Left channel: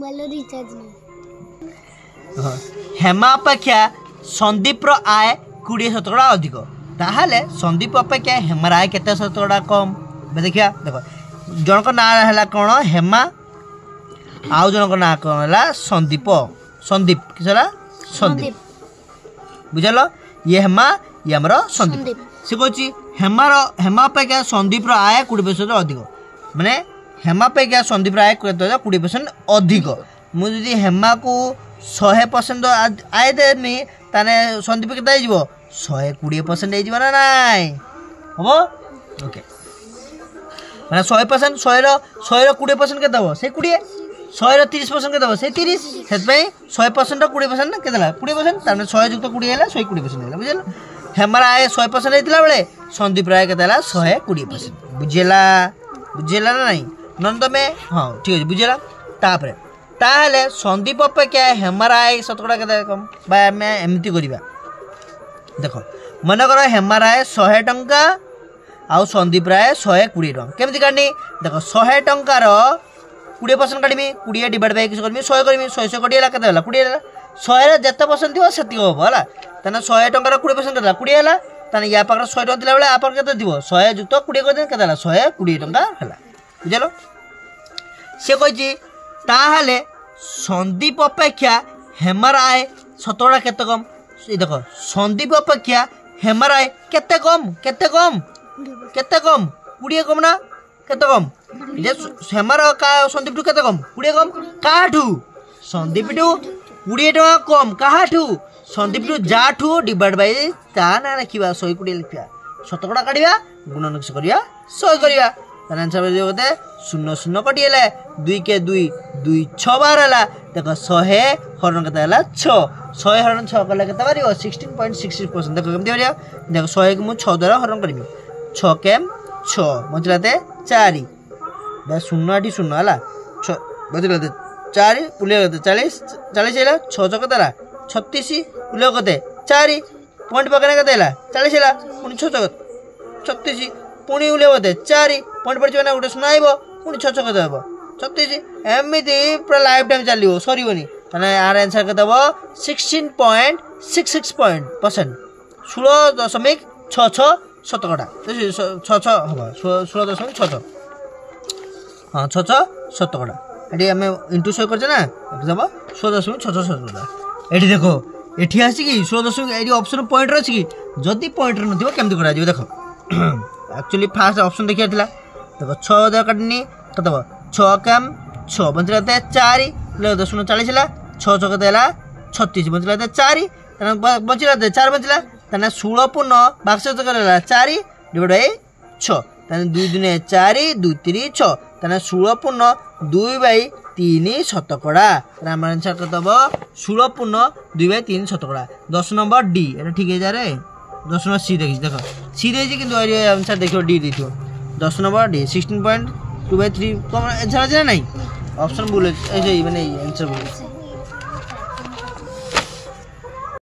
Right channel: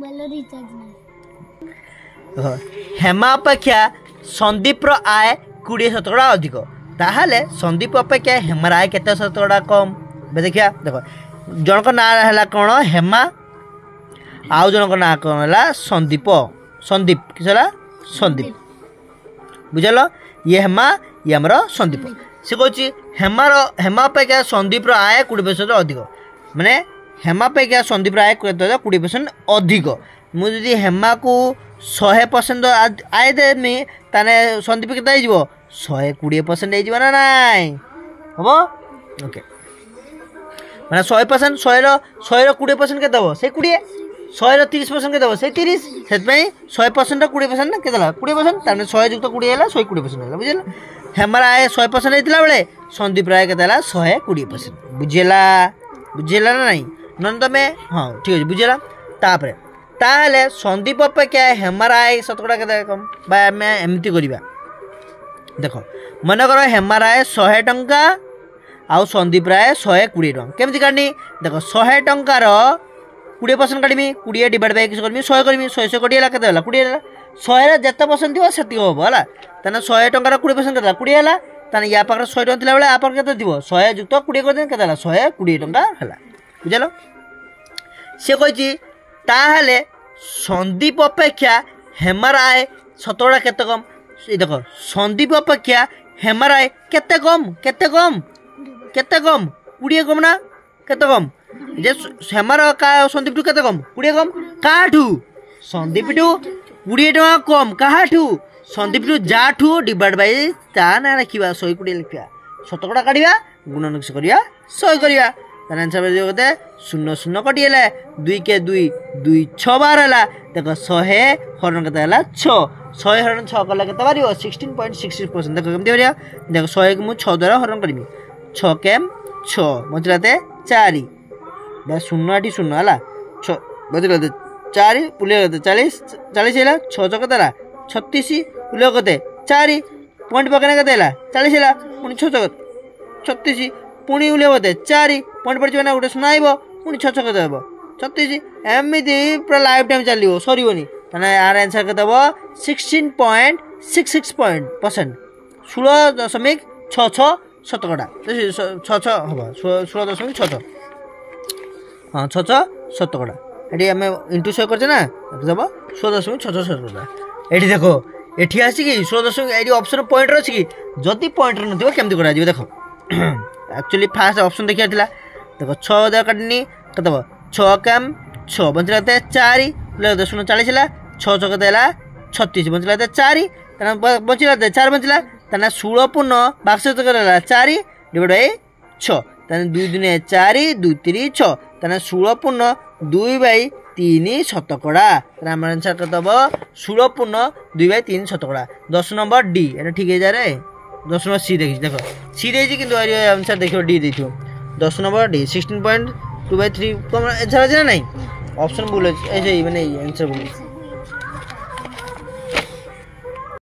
mobile recharge नहीं हेमा अपेक्षा संदीप आय 20% अधिक ताहले संदीप अपेक्षा हेमार आय केते शतकड़ा कम देखिया देख जनक ना है कौन हेमा आउ जनक ना कौन है संदीप संदीप किस संदीप बुझल ये हेमा ये आमर संदीप से कौन हेमा अपेक्षा संदीप आय 20% अधिक माने हेमा अपेक्षा संदीप आय 20% अधिक मुझे हेमा को 100% आय देनी ताने संदीप के 120% ना नाई हम ओके मैंने 100% 100 के दब से 20 100 30% के दब से 30 से 100% 20% के 20% तार 100 युक्त 20 है 120% है बुझल हेमार आय 100% होता बेले संदीप आय के 120% बुझेला बुझेला ना नहीं नन तमें हाँ ठीक है बुझेला तापर ताहले संदीप अपेक्षा हेमार आय शतकड़ा के कम आम एमती करवा देख मनकर हेमार आय 100 टंका आउ संदीप राय 120 टंका केमती काटनी देख 100 टंकार 20% काटमी 20 डिवाइड बाय किस करमी 100 करमी 100 कटी है केते 20 है 100 जिते परसेंट थी से हम है तेना 100 टंकार 20% के 20 है तेना या पाखे 100 टଙ୍କା थिला बेले आ पाखे केते दिबो 100 युक्त 20 कर केते 120 टंका है बुझल से कही ताहले संदीप अपेक्षा हेमार आय शतकड़ा केते कम देख संदीप अपेक्षा हेमार आय केते कम 20 कम ना केते कम जे हेमार का संदीप टू केते कम 20 कम काठू संदीप टू 20 टका कम काठू संदीप टू जाठू डिवाइड बाय ता ना लिखा 120 लिखा शतकड़ा काढ़ा गुणन करिया 100 करिया तार आंसर होते 0 0 कटिगला 2 के 2 2 6 बार है देख 100 हरण के 6 100 हरण 6 कले के 16.66% देख केमती देख 100 को मुझे 6 द्वारा हरण करी 6 केम 6 बचलाते 4 शून्य आठी शून्य है 6 बचलाते 4 पुलिया 40 40 है 6 चौक 36 पुलिया 4 पॉइंट पकड़ने के 40 है पुणी 6 चौक 36 पुणी उलिया 4 पॉइंट पड़े ना गोटे शून्य आइब पुणी 6 चौक देव 36 एमती पूरा लाइफ टाइम चलो सरनी यार आंसर के दब 16.66% 16.66 शतकड़ा 6 हम 16.66 हाँ 6 शतकड़ा ये आम इंटू 100 करते ना दब 16.66 शतकड़ा ये देख ये आसिक 16 ऑप्शन पॉइंट अच्छी कि जदि पॉइंट नथिबो केमती करा देख एक्चुअली फास्ट ऑप्शन देखिया देख 6 द्वारा काटनी कदब 6 कम 6 बचलाते 4 शून्य 40 है 6 चौक 36 बचलाते 4 बचलाते 4 बचला 16 पूर्ण बाक्स 4 डिवाइड बाय 6 2 दुनिया 4 2 3 6 16 पूर्ण 2 बाई 3 शतकड़ा आम आंसर के दब 16 पूर्ण 2 बाई 3 शतकड़ा 10 नंबर डी ये ठीक है जा रे 10 नंबर सी देखी देख सी दे आंसर देख डी दे 10 नंबर डी 16.2/3 कम आंसर अच्छे ना नहीं ऑप्शन बोले ऐसे ही मैंने आंसर बोले